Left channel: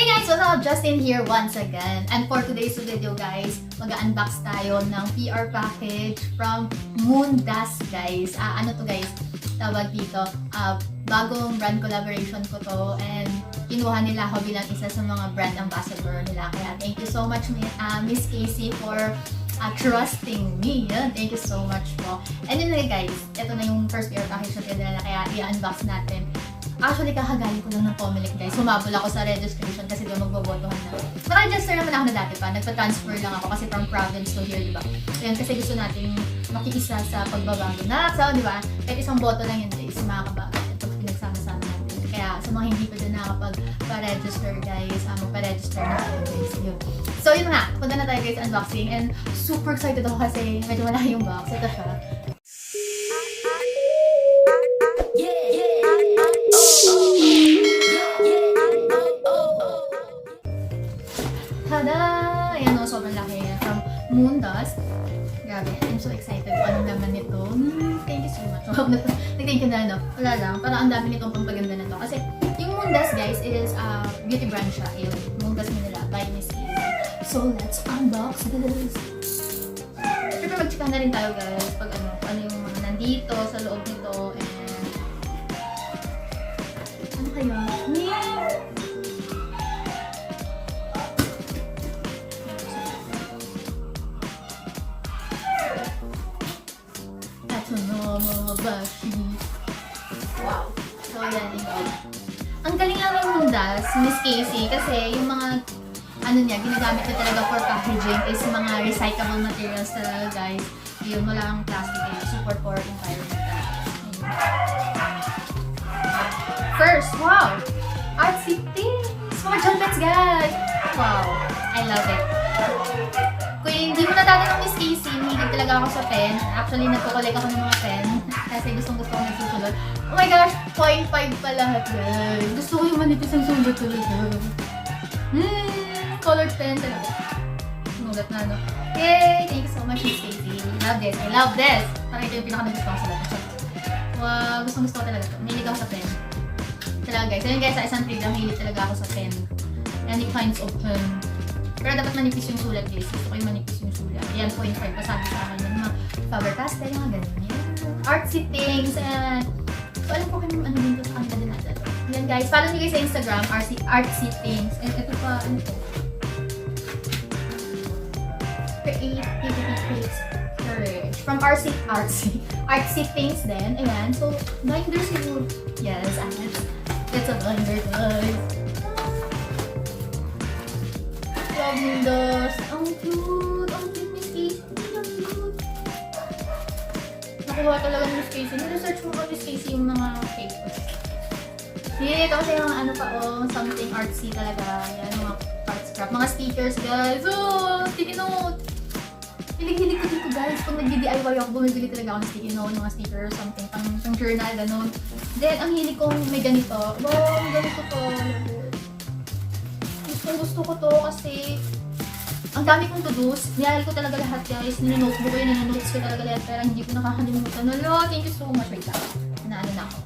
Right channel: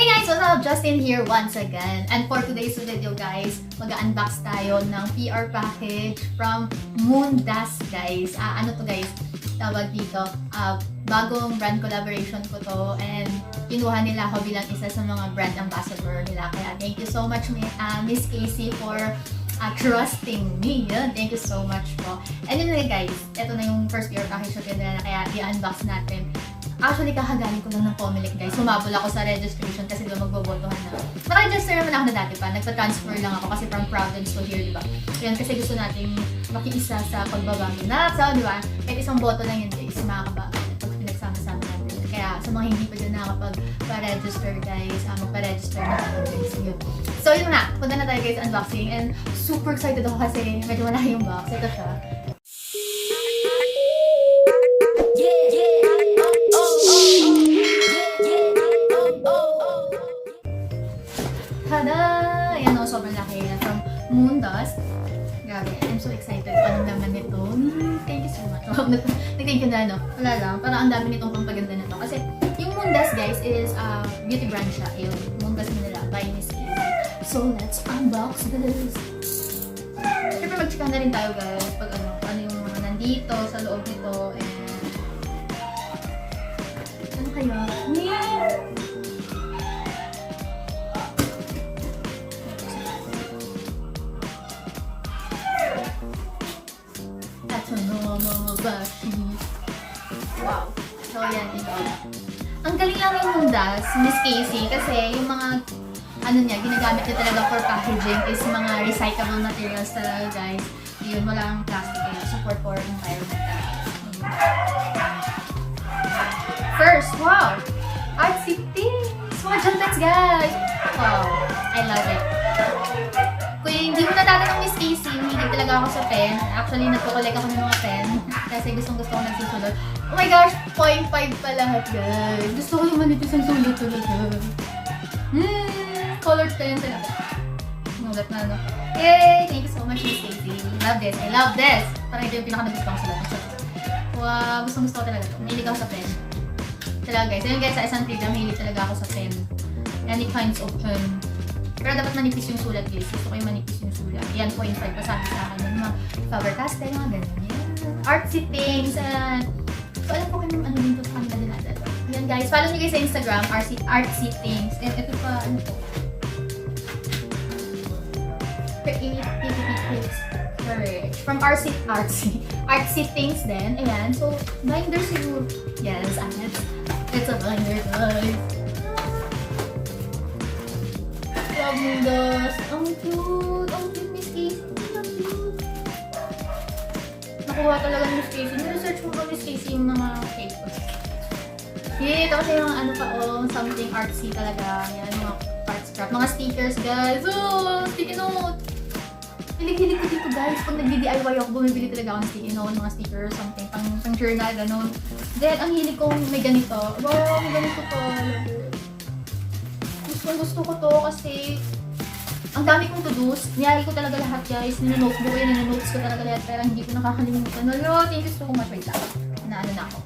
Hey guys, what's up? Justin here once again. And for today's video guys, mag-unbox tayo ng PR package from Moondust guys. Ano to guys? Tawag dito. Bagong brand collaboration ko to and kinuha nila ako bilang isa sa mga brand ambassador nila. Kaya thank you so much Miss Casey for trusting me. Yan. Thank you so much po. Anyway guys, ito na yung first PR package ko nila kaya i-unbox natin. Actually, kakagaling ko lang ng Mahilig guys. Sumabol ako sa registration kasi doon magbobotohan na. Naka-register naman ako na dati pa. Nagpa-transfer lang ako kasi from province to here, diba? Yun, kasi gusto natin makiisa sa pagbabago na. So, diba? Kahit isang boto lang yun guys, sa mga kabago. Ito pinagsama-sama natin. Kaya sa mga hindi pa dyan nakapag-register guys, magpa-register na tayo guys. Yun. So, yun nga. Punta na tayo guys sa unboxing. And super excited ako kasi medyo wala yung box. Ito siya. Tada! Ayan o, sobrang laki from Moondust. Grabe, I'm so excited. Anong naman nito? Thank you so much. Nag-thank you na, no? Wala lang. Parang ang dami nito kung paganda na to. Kasi yung Moondust, guys, is beauty brand siya. Yung Moondust nila by this is. So, let's unbox this. Siyempre, mag-chika na rin tayo, guys. Pag ano yung nandito, sa loob nito. Ano kaya? Wow. So, yan. Ang galing lang yung Moondust, Miss Casey, kasi yung mga ano niya, ginagamit niya talaga for packaging is mga recyclable materials talaga, guys. Yun, wala kang plastic niya. Support for environment. First, wow! Artsy things! Mga chocolates, guys! Wow! I love it. Kung hindi ko natati ng Miss Casey, hindi talaga ako sa pen. Actually, natutulik ako ng mga pen. Kasi gusto ko nagsusunod. Oh my gosh, 0.5 pa lahat guys. Gusto ko yung manipis ang sulit ulit. Colored pen talaga. Nulat na ano. Yay! Thank you so much, Miss Casey. I love this. I love this. Parang ito yung pinakatagpang sa lahat. Wow, gusto ko talaga. Mahilig ako sa pen. Talaga guys. Ayun guys, sa isang take na mahilig talaga ako sa pen. Any kinds of pen. Pero dapat manipis yung sulat guys. Gusto ko yung manipis yung sulat. Ayan, 0.5 pa sabi sa akin. Faber-Castell, yung ganyan. Artsy things and alam ko kung ano dito sa kanila natin. Yun guys, follow nyo guys sa Instagram, artsy things. And ito pa, from artsy things din. Ayan, so binder siguro. Yes, it's a binder guys. Nakuha talaga ng Miss Casey. Niresearch mo ba Miss Casey yung mga papers? Eh, kasi yung ano pa something artsy talaga. Yan, mga art scrap. Mga stickers guys. Oh, sticky note! Hilig-hilig ko dito guys. Kung nag-DIY ako, bumibili talaga ako ng sticky note, mga stickers, something, pang journal, gano'n. Then, ang hilig kong may ganito. Wow, ganito to. Gusto ko to kasi ang dami kong to-dos. Niyari ko talaga lahat guys. Ninonotebook ko yun, ninonotebook ko talaga lahat. Kaya hindi ko nakakalimutan. Hello, thank you so much. Wait lang. Naalan ako.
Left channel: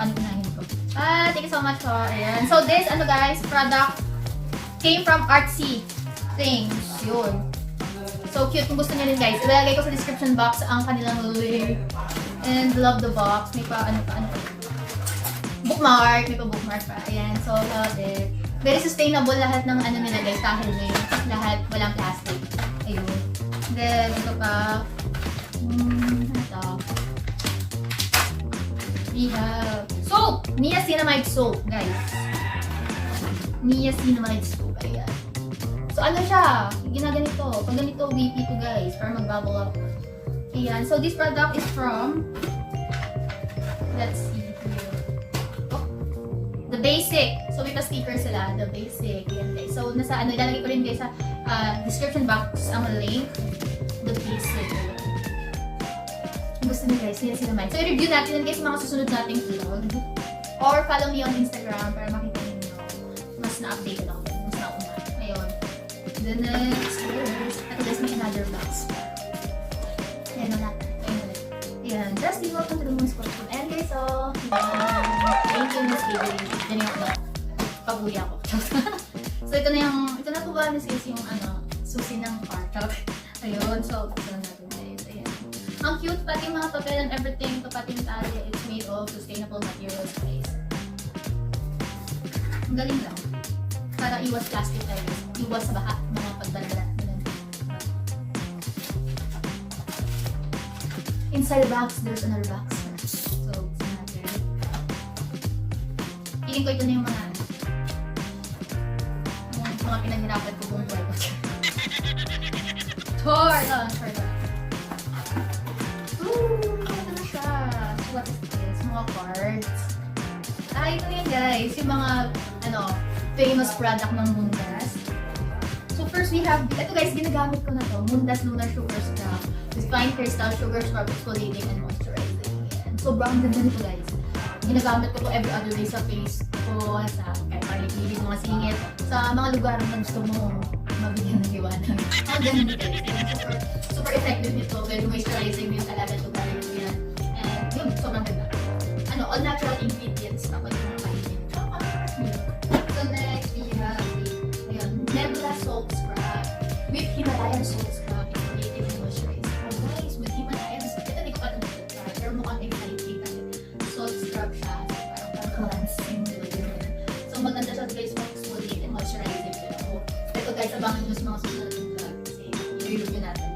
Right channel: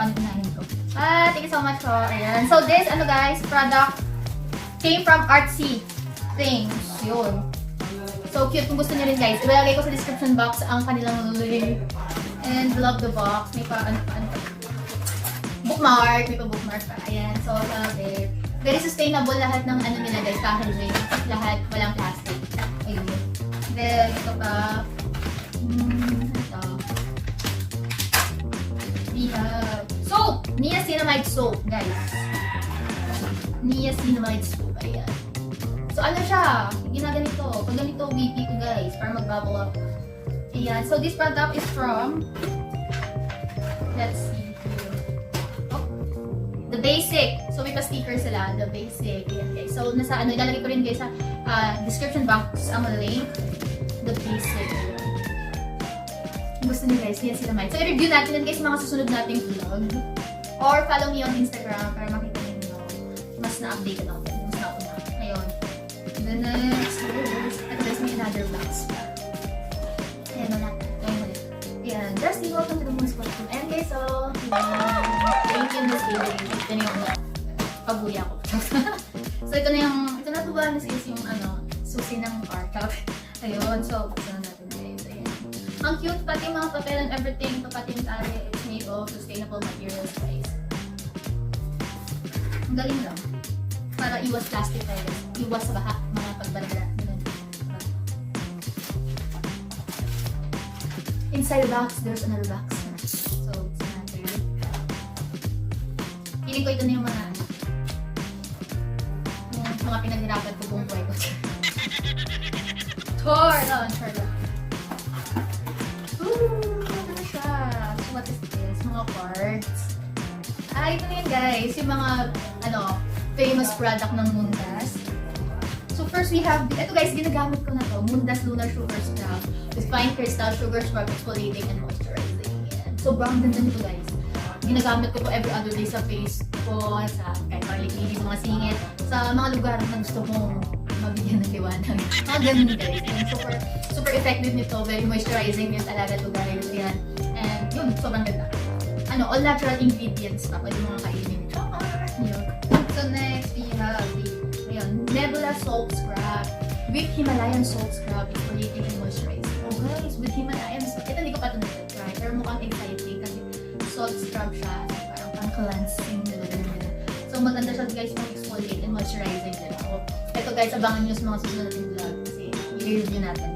Ano na ito. Thank you so much for ayan. So this, ano guys, product came from Artsy Things. Yun. So cute. Kung gusto na rin guys, ilalagay ko sa description box ang kanilang link. And love the box. May pa, ano pa. Bookmark. May pa bookmark pa. Ayan. So, very sustainable lahat ng ano nila guys, packaging. Lahat, walang plastic. Ayun. Then, ito pa. Ito. Soap! Niacinamide soap, guys. Niacinamide soap, ayan. So, ano siya? Ginaganito. Pag ganito, whippy ko guys, para mag-bubble up. Ayan. So, this product is from, let's see. The Basic. So, may pa-sticker sila. The Basic. Yan, guys. So, nasa ano, ilalagay ko rin guys sa description box ang link. The Basic. Kung gusto nyo guys, yan sila. So, i-review natin yan guys mga susunod nating vlog. Or follow me on Instagram para makita nyo mas na-update ako. Mas na-una. Ayun. The next. Ito guys, may another box. Ayan na natin. Ayan. Jastine, welcome to the Moondust. And guys, so, thank you, Miss Casey. Ganyan ko. Pag-uwi ako. So ito na po ba guys yung susi ng car. Ayun, so ito na natin guys. Ayan. Ang cute, pati mga papel and everything, pati yung tali, it's made of sustainable materials guys. Ang galing lang. Para iwas plastic tayo. Iwas sa baha, mga pagbalala. Inside the box, there's another box. So, hindi ko ito na yung mga pinaghirapan ko buong buhay ko. Tour! No, tour lang. Ano siya? What is this? Mga cards. Ito na yun guys. Yung mga, famous product ng Moondust. So first we have, ito guys, ginagamit ko na ito. Moondust Lunar Sugar Scrub. With fine crystal sugar scrub, exfoliating and moisturizing. Yan. So brown ganda nito guys. Ginagamit ko po every other day sa face ko, sa kahit paligid, mga singit, sa mga lugar na gusto mo mabigyan ng liwanag. Ang ganun guys. Super effective nito. Very moisturizing yung talaga lugar yan. And yun, sobrang ganda. All natural ingredients pa. Pwede mga kainin. So next, we have Nebula Salt Scrub. With Himalayan Salt Scrub, exfoliating and moisturizing. Oh guys, with Himalayan Salt. Ito hindi ko pa ito na-try. Pero mukhang exciting kasi salt scrub siya. Parang cleansing. So maganda siya guys for exfoliating and moisturizing. Ito guys, abangan nyo sa mga susunod ng vlog kasi i-review natin.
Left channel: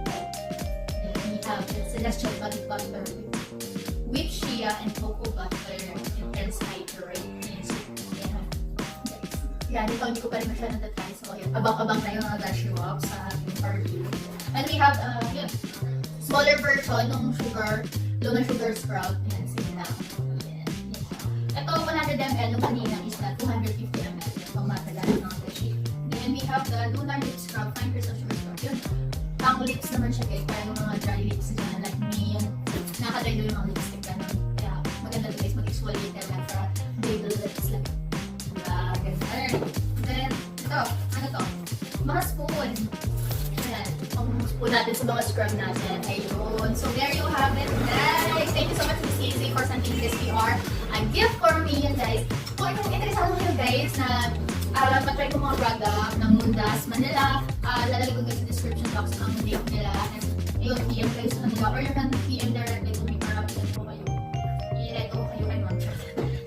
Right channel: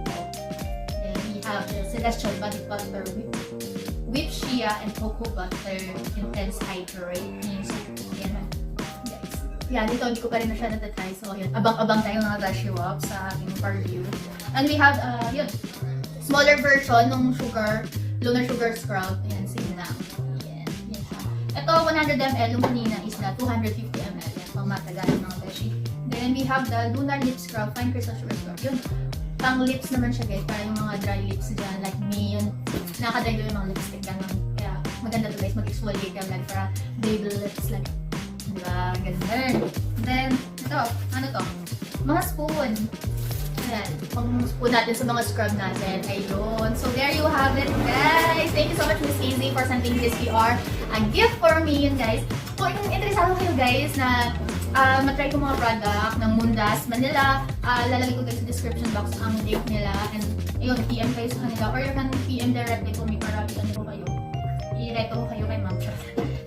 Then we have the Celestial Body Butter with Shea and Cocoa Butter Intense Hydrating. Yan, dito hindi ko pa rin na siya natatry. So, yun, abang-abang tayo mga beshywaps sa ating review. And we have, smaller version ng lunar sugar scrub. Ayan, sige lang. Ito, 100 ml. Yung kanina is na 250 ml. Yan, pang matagal ng beshi. Then we have the lunar lip scrub, fine crystal sugar scrub. Yun, pang lips naman siya guys. Para yung mga dry lips dyan, like me, yung nakadaylo yung mga lipstick ka. Kaya, maganda to guys, mag-exfoliate ka lang para baby lips like ganun. Then, ito, ano to? Mga spoon. Ayan, mag-spoon natin sa mga scrub natin. Ayun. So, there you have it, guys. Thank you so much, Miss Easy, for sending this PR and gift for me. And guys, kung interesado kayo guys na matry ko mga product ng Moondust Manila, lalagay ko guys sa description box ang link nila. And yun, PM kayo sa kanila. Or you can PM directly to me para mapitan ko kayo. I-reto ko kayo kay Ma'am.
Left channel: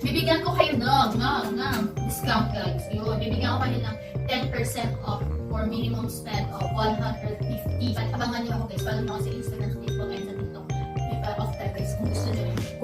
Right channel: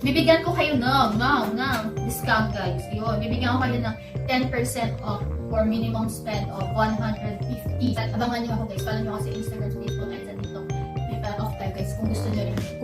Bibigyan ko kayo ng discount guys. Yun, bibigyan ko kayo ng 10% off for minimum spend of 150. At abangan nyo ako guys. Follow nyo ako sa Instagram, Facebook, and sa TikTok. May off tayo guys kung gusto nyo rin.